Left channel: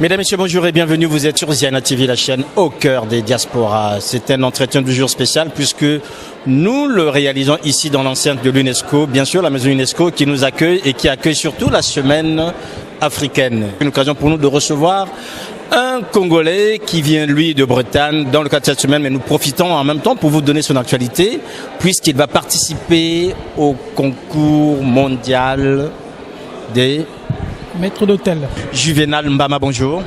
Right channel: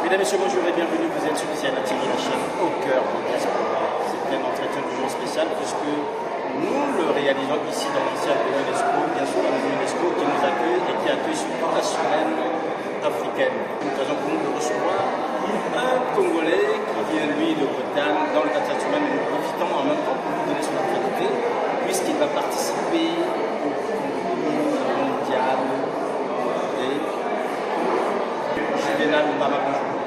Mesdames, Messieurs, bonjour et bienvenue. Vous êtes sur Ziana TV, la chaîne au cœur des diasporas. C'est un entretien du jour spécial puisque nous le réalisons ici dans l'enceinte de l'UNESCO, bien sûr la maison UNESCO qui nous accueille et qui accueille surtout la semaine africaine. Une occasion pour nous de recevoir un Congolais qui vient, lui, de Bretagne dans le cadre de cette semaine, mais nous profitons en même temps pour vous donner son actualité puisqu'il va participer au concours mondial des maître d'hôtel. Juvenal Mbama, bonjour.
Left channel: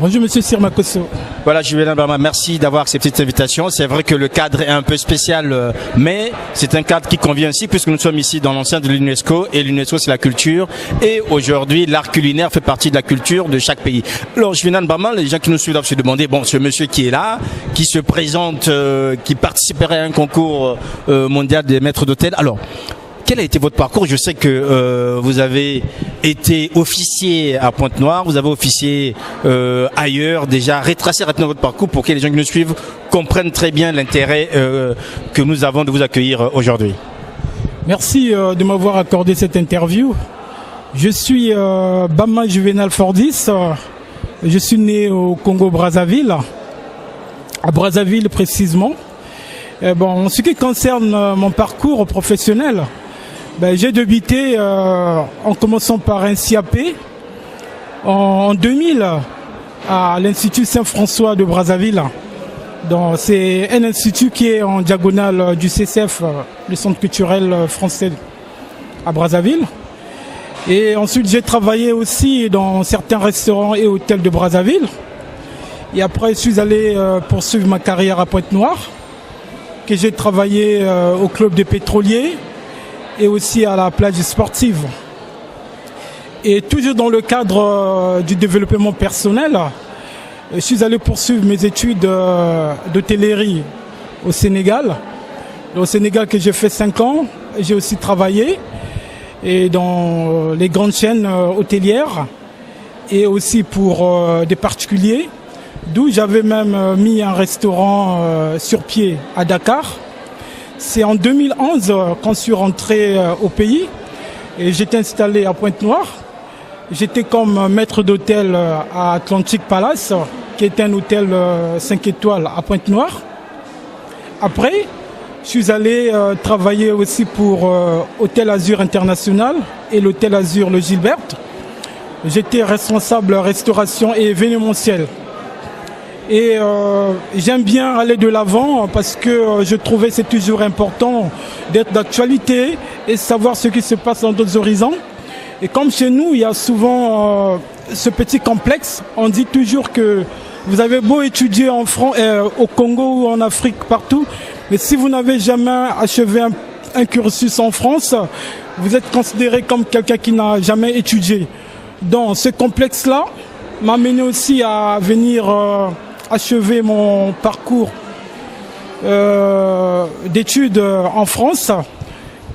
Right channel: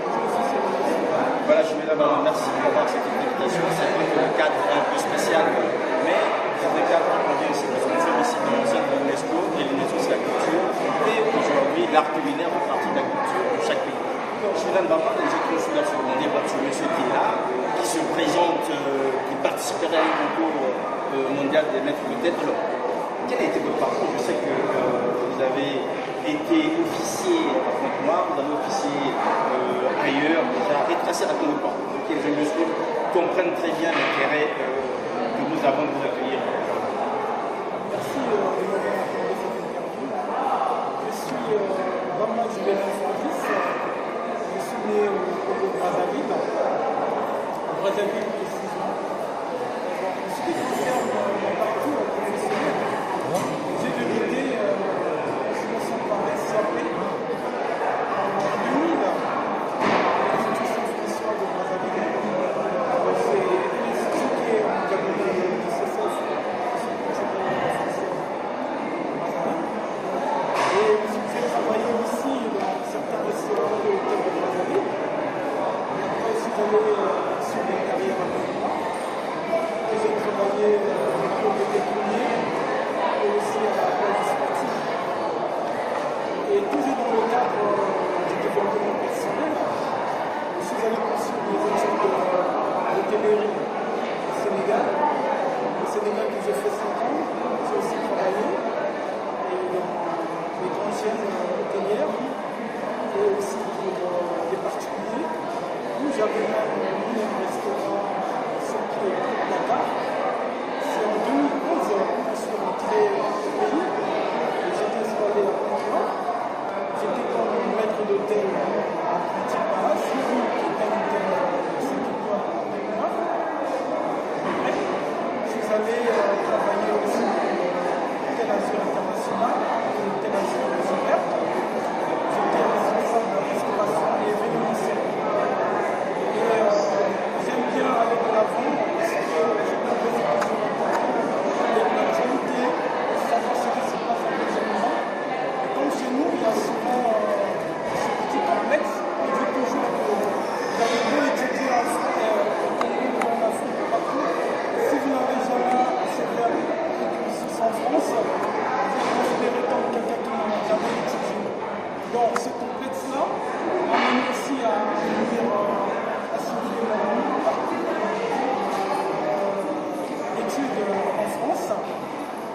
Bonjour Monsieur Sirmakoso. Voilà, Juvenal Mbama, merci d'avoir accepté cette invitation. C'est vrai que le cadre est un peu spécial, mais c'est un cadre qui convient aussi puisque nous sommes ici dans l'enceinte de l'UNESCO et l'UNESCO c'est la culture. Et aujourd'hui, l'art culinaire fait partie de la culture de chaque pays. Alors Juvenal Mbama, les gens qui nous suivent doivent se demander, bon, ce monsieur qui est là, qui se présente, qui participerait à un concours mondial des maîtres d'hôtel. Alors, quel a été votre parcours? Je sais que vous avez été officier à Pointe-Noire, vous avez officié ailleurs. Déjà, retracez rapidement votre parcours pour que les gens qui nous suivent comprennent très bien l'intérêt que nous avons de vous accueillir aujourd'hui. Merci de m'avoir accordé cette interview. Je suis Bama Juvenal Fordis. Je suis né au Congo-Brazzaville, à Brazzaville précisément. Bon, en ce qui concerne mon parcours professionnel, j'ai débuté en commençant par un CAP en 2000 à l'Institut Saint-François de Brazzaville. C'est un institut qui est en diagonale du CCF, le Centre culturel français à Brazzaville. Et ensuite j'ai travaillé aussi dans certains restaurants et hôtels de Brazzaville. Et après je suis allé poursuivre ma carrière à Pointe-Noire, que j'ai travaillé au club des pétroliers et aussi à la plage sportive. Et toujours dans le cadre du développement personnel, je suis allé poursuivre mes études d'hôtellerie au Sénégal. Au Sénégal que j'ai fait 5 ans, j'ai aussi travaillé et dans les grandes chaînes hôtelières et aussi pour des particuliers, d'où j'avais même mis un restaurant sur pied à Dakar. C'est en 2011 quand je suis rentré au pays et j'étais installé à Pointe-Noire. J'étais comme maître d'hôtel à Atlantic Palace, qui est un hôtel 5 étoiles à Pointe-Noire. Après, je suis allé travailler aussi pour Hôtel Azur International et l'Hôtel Azur Le Gilbert. J'étais responsable restauration et événementiel. Et j'aime bien aller de l'avant parce que je trouvais que c'est toujours important d'être d'actualité et savoir ce qui se passe dans d'autres horizons. Et comme chez nous, il y a souvent ce petit complexe, on dit toujours que vous avez beau étudier en France, au Congo ou en Afrique, partout, mais si vous n'avez jamais achevé un cursus en France, vous êtes considéré comme quelqu'un qui n'a jamais étudié. Donc ce complexe-là m'a mené aussi à venir achever mon parcours d'études en France.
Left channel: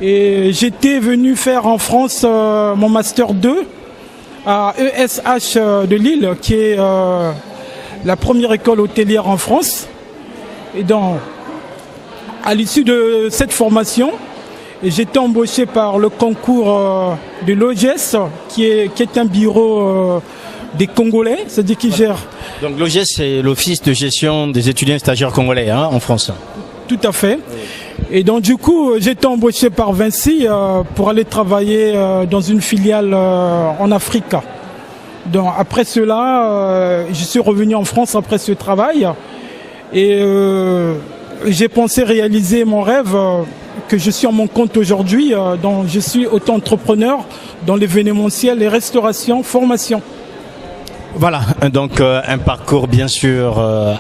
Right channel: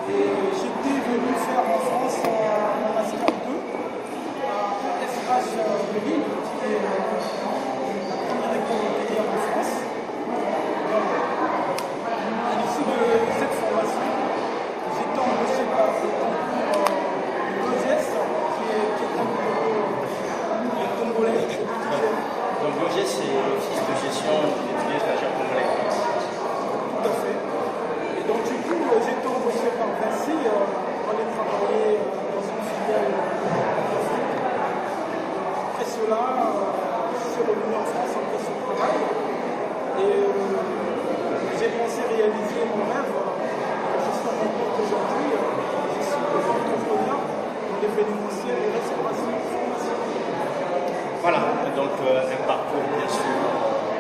Et j'étais venu faire en France mon Master 2 à ESH de Lille, qui est la première école hôtelière en France. Et donc, à l'issue de cette formation, j'étais embauché par le concours de l'OGES, qui est un bureau des Congolais, c'est-à-dire qui gère. Donc l'OGES, c'est l'Office de gestion des étudiants et stagiaires congolais en France. Tout à fait. Et donc du coup, j'ai été embauché par Vinci pour aller travailler dans une filiale en Afrique. Donc après cela, je suis revenu en France après ce travail et j'ai pensé réaliser mon rêve que je suis à mon compte aujourd'hui. Donc je suis auto-entrepreneur dans l'événementiel, les restaurations, formation. Voilà, donc un parcours bien sûr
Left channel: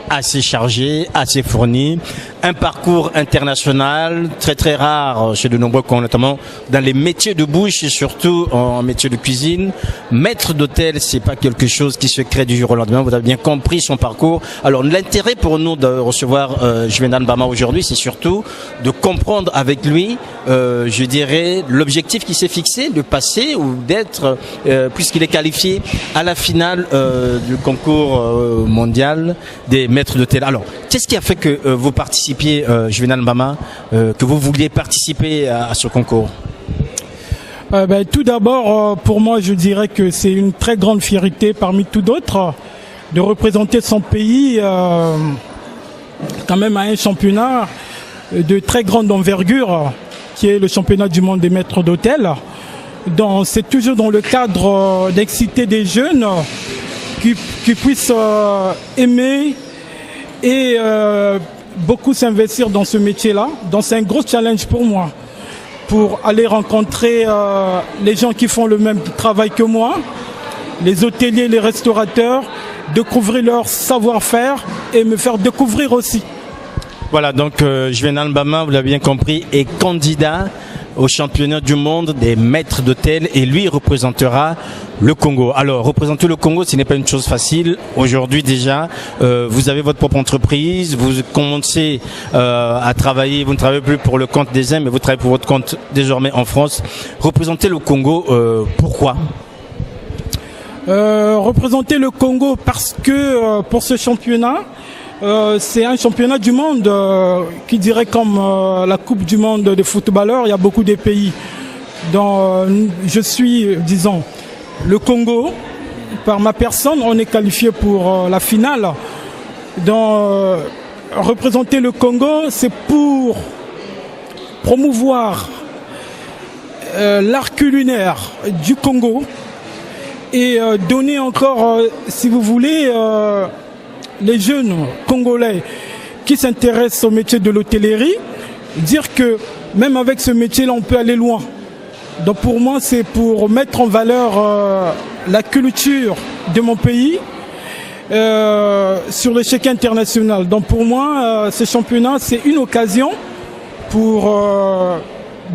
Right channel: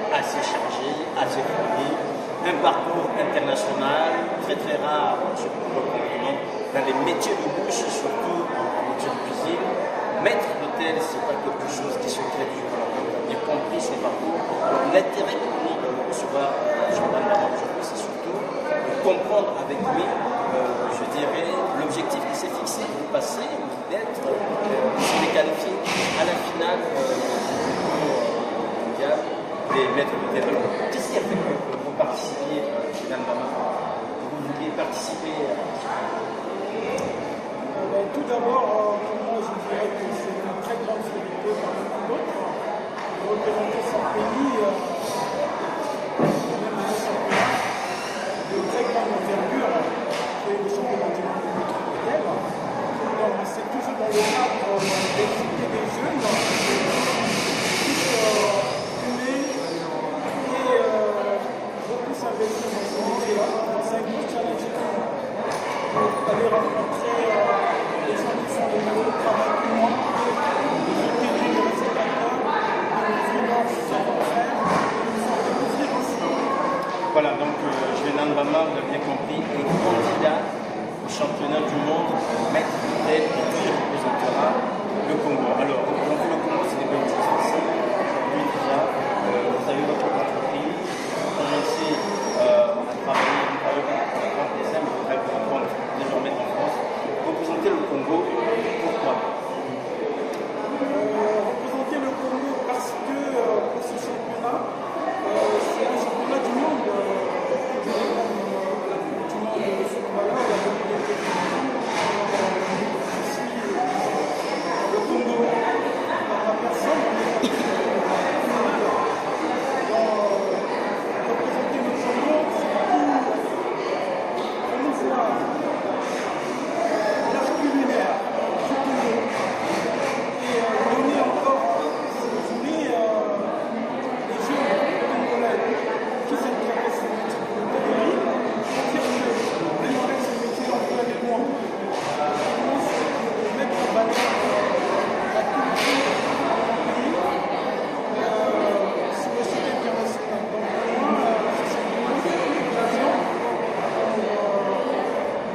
assez chargé, assez fourni, un parcours international très très rare chez de nombreux, notamment dans les métiers de bouche et surtout en métier de cuisine. Maître d'hôtel, c'est pas quelque chose qui se crée du jour au lendemain, vous avez bien compris son parcours. Alors l'intérêt pour nous de recevoir Juvenal Mbama aujourd'hui, c'est surtout de comprendre avec lui, je dirais, l'objectif qu'il s'est fixé, de passer ou d'être, puisqu'il est qualifié à la finale du concours mondial des maîtres d'hôtel. Alors, qu'est-ce qui a fait que vous participiez, Juvenal Mbama, que vous vouliez participer à ce concours? Tout d'abord, pour moi, je dirais que c'est une très grande fierté parmi tout d'autres de représenter son pays quand même à un championnat de très grande envergure qui est le championnat du monde des maîtres d'hôtel. Donc c'est toujours dans le cadre d'exciter des jeunes qui puissent aimer et beaucoup s'investir dans ce métier-là. Donc c'est un gros challenge pour moi, pour aller rencontrer les gens qui font le même travail que moi, les hôteliers, les restaurateurs, découvrir leur savoir-faire et me faire découvrir aussi. Voilà, donc Juvénal Mbama, vous l'avez bien compris, est candidat au championnat du monde des maîtres d'hôtel et lui représentera le Congo. Alors, représenter le Congo, ce n'est pas une chose facile. Aujourd'hui déjà, vous avez votre propre entreprise, vous commencez à travailler, vous ne travaillez plus pour le compte des uns, mais vous travaillez pour votre compte désormais en France. Représenter le Congo, pourquoi ? Représenter le Congo parce que pour ce championnat, c'est un championnat du monde qui dirait comme la Coupe du monde de footballeurs, il y a beaucoup de pays. Donc je suis, disons, le Congo, par ma personne, on est qualifié pour la finale. Donc représenter le Congo, c'est pour promouvoir l'art culinaire du Congo et donner encore, si vous voulez, les jeunes Congolais qui s'intéressent au métier de l'hôtellerie, dire que même avec ce métier-là, on peut aller loin. Donc pour moi, c'est pour mettre en valeur la culture de mon pays sur l'échiquier international. Donc pour moi, ce championnat, c'est une occasion pour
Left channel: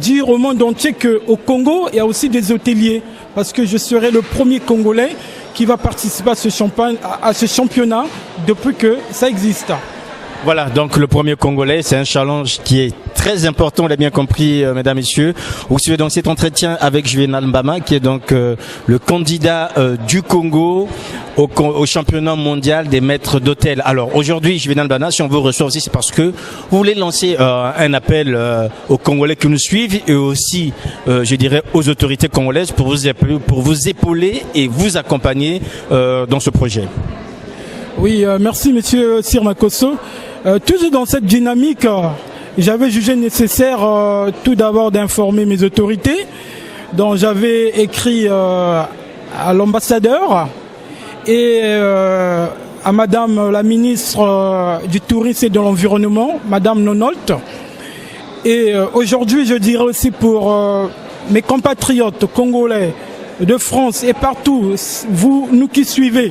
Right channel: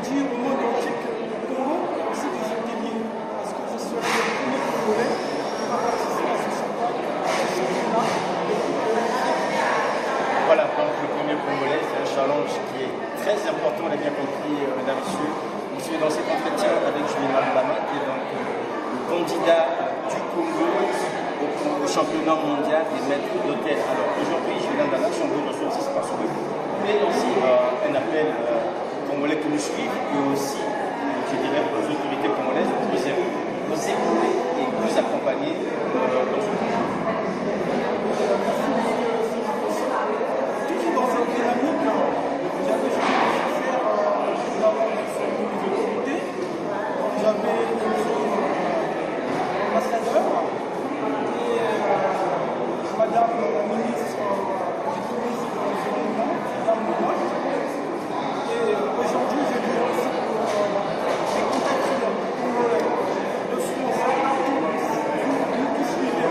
dire au monde entier qu'au Congo, il y a aussi des hôteliers. Parce que je serai le premier Congolais qui va participer à ce championnat depuis que ça existe. Voilà, donc le premier Congolais, c'est un challenge qui est très important, on l'a bien compris, mesdames, messieurs. Vous suivez dans cet entretien avec Juvénal Mbama, qui est donc le candidat du Congo au championnat mondial des maîtres d'hôtel. Alors aujourd'hui, Juvénal Mbama, si on vous reçoit aussi, c'est parce que vous voulez lancer un appel aux Congolais qui nous suivent et aussi, je dirais, aux autorités congolaises pour vous épauler et vous accompagner dans ce projet. Oui, merci monsieur Sirmakosso. Toujours dans cette dynamique, j'avais jugé nécessaire tout d'abord d'informer mes autorités. Donc j'avais écrit à l'ambassadeur et à madame la ministre du Tourisme et de l'Environnement, madame Nonolt. Et aujourd'hui, je dirais aussi pour mes compatriotes congolais de France et partout, vous, nous qui suivez,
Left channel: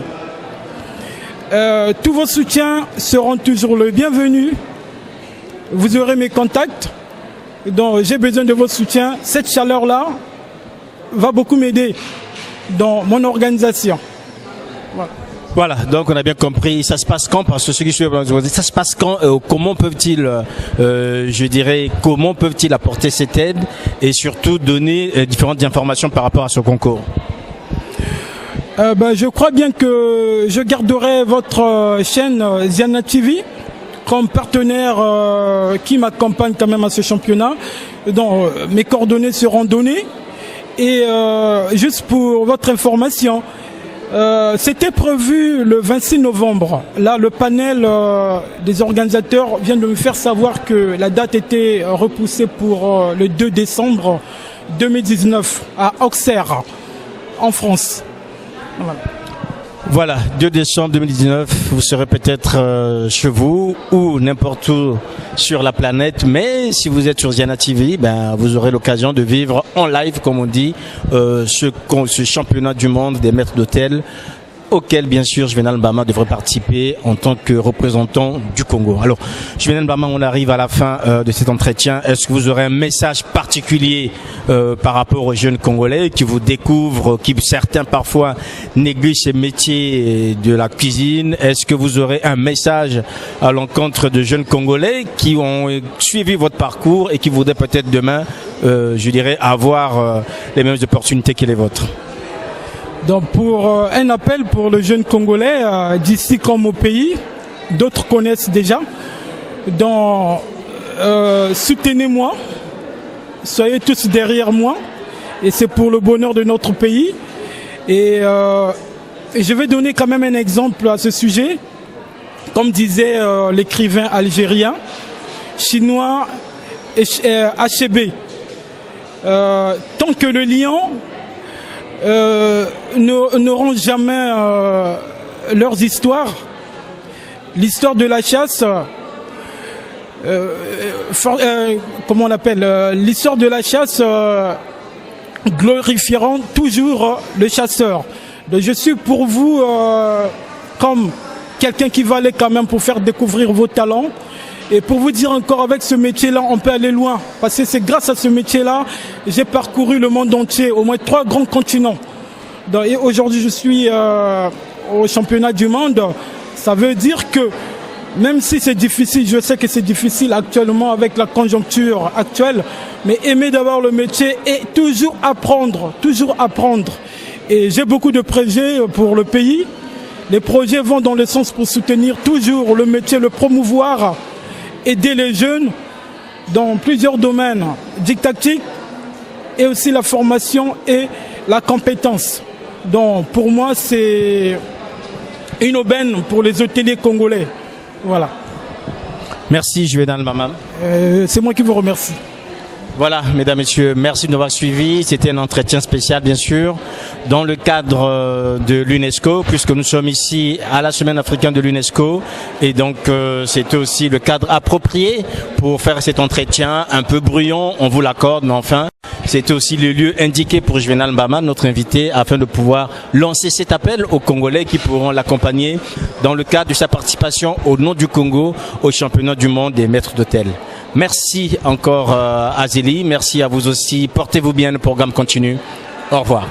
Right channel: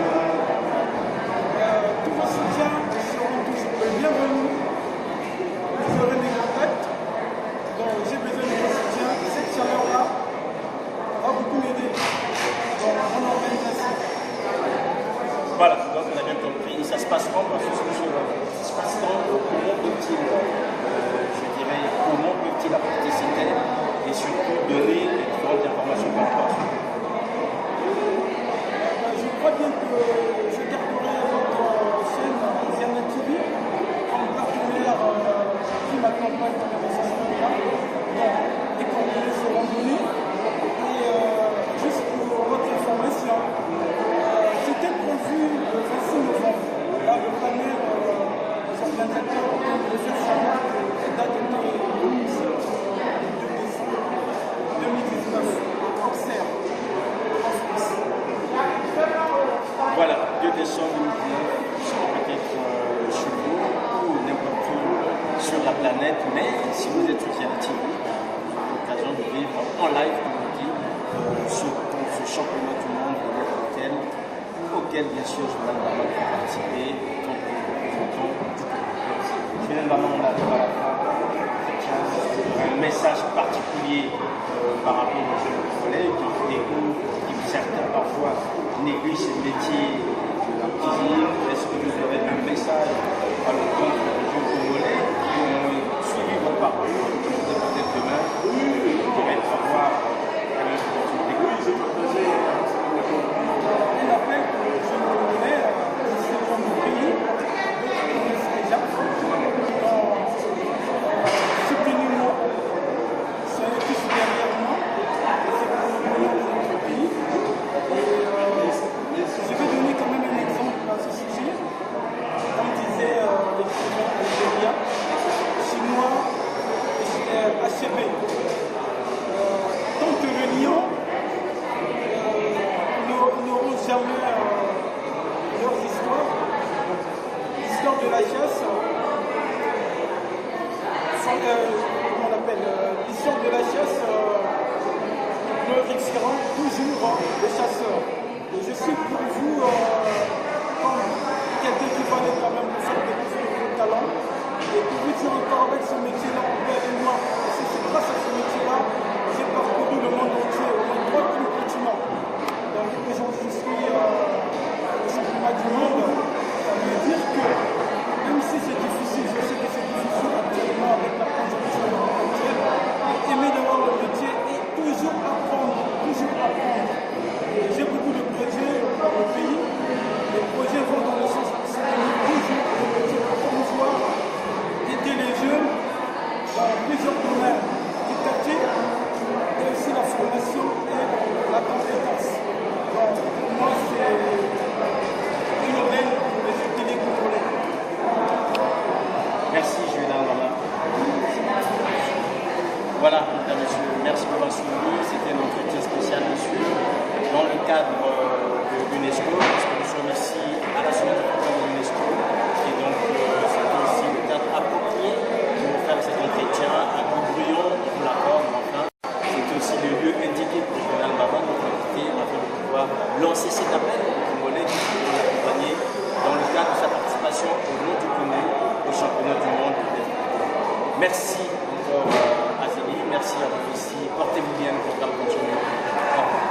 tous vos soutiens seront toujours le bienvenu. Vous aurez mes contacts. Donc j'ai besoin de vos soutiens. Cette chaleur-là va beaucoup m'aider dans mon organisation. Voilà, donc on a bien compris. Ça se passe quand? Parce que ceux qui suivent, ça se passe quand? Comment peuvent-ils, je dirais, comment peuvent-ils apporter cette aide et surtout donner différentes informations par rapport à ce concours? Je crois bien que je garderai votre chaîne Ziana TV comme partenaire qui m'accompagne quand même à ce championnat. Donc mes coordonnées seront données. Et juste pour votre information, c'était prévu le 26 novembre. Là, le panel des organisateurs vient de me faire savoir que la date était repoussée pour le 2 décembre 2019 à Auxerre, en France. Voilà, 2 décembre 2019, vous serez peut-être chez vous ou n'importe où sur la planète, mais si vous êtes sur Ziana TV, vous aurez l'occasion de vivre en live, comme on dit, ce championnat du monde des maîtres d'hôtel auquel bien sûr Juvénal Mbama devrait participer en tant que représentant du Congo. Alors Juvénal Mbama, on arrive à la fin de cet entretien. Est-ce que vous aurez un message particulier par rapport aux jeunes Congolais qui vous découvrent, qui certains parfois négligent ces métiers de la cuisine? Est-ce que vous aurez un message à l'encontre de jeunes Congolais qui ont suivi votre parcours et qui voudraient peut-être demain, je dirais, avoir les mêmes opportunités que les vôtres? Donc pour un appel pour le jeune Congolais d'ici comme au pays, d'autres connaissent déjà. Donc soutenez-moi, soyez tous derrière moi et c'est pour le bonheur de notre pays. Et je vais donner quand même un exemple à ce sujet. Comme disait l'écrivain algérien, chinois HB, tant que le lion n'auront jamais leurs histoires, l'histoire de la chasse, comment on appelle, l'histoire de la chasse glorifieront toujours le chasseur. Donc je suis pour vous comme quelqu'un qui va aller quand même pour faire découvrir vos talents. Et pour vous dire encore, avec ce métier-là, on peut aller loin. Parce que c'est grâce à ce métier-là, j'ai parcouru le monde entier, au moins 3 grands continents. Et aujourd'hui, je suis au championnat du monde. Ça veut dire que, même si c'est difficile, je sais que c'est difficile actuellement avec la conjoncture actuelle, mais aimer d'avoir le métier et toujours apprendre, toujours apprendre. Et j'ai beaucoup de projets pour le pays. Les projets vont dans le sens pour soutenir toujours le métier, le promouvoir, aider les jeunes dans plusieurs domaines, didactique et aussi la formation et la compétence. Donc pour moi, c'est une aubaine pour les hôteliers congolais. Voilà. Merci Juvénal Mbama. C'est moi qui vous remercie. Voilà, mesdames, messieurs, merci de nous avoir suivis. C'était un entretien spécial, bien sûr, dans le cadre de l'UNESCO, puisque nous sommes ici à la Semaine africaine de l'UNESCO. Et donc, c'était aussi le cadre approprié pour faire cet entretien un peu bruyant, on vous l'accorde, mais enfin, c'était aussi le lieu indiqué pour Juvénal Mbama, notre invité, afin de pouvoir lancer cet appel aux Congolais qui pourront l'accompagner dans le cadre de sa participation au nom du Congo au championnat du monde des maîtres d'hôtel. Merci encore Azélie, merci à vous aussi, portez-vous bien, le programme continue. Au revoir.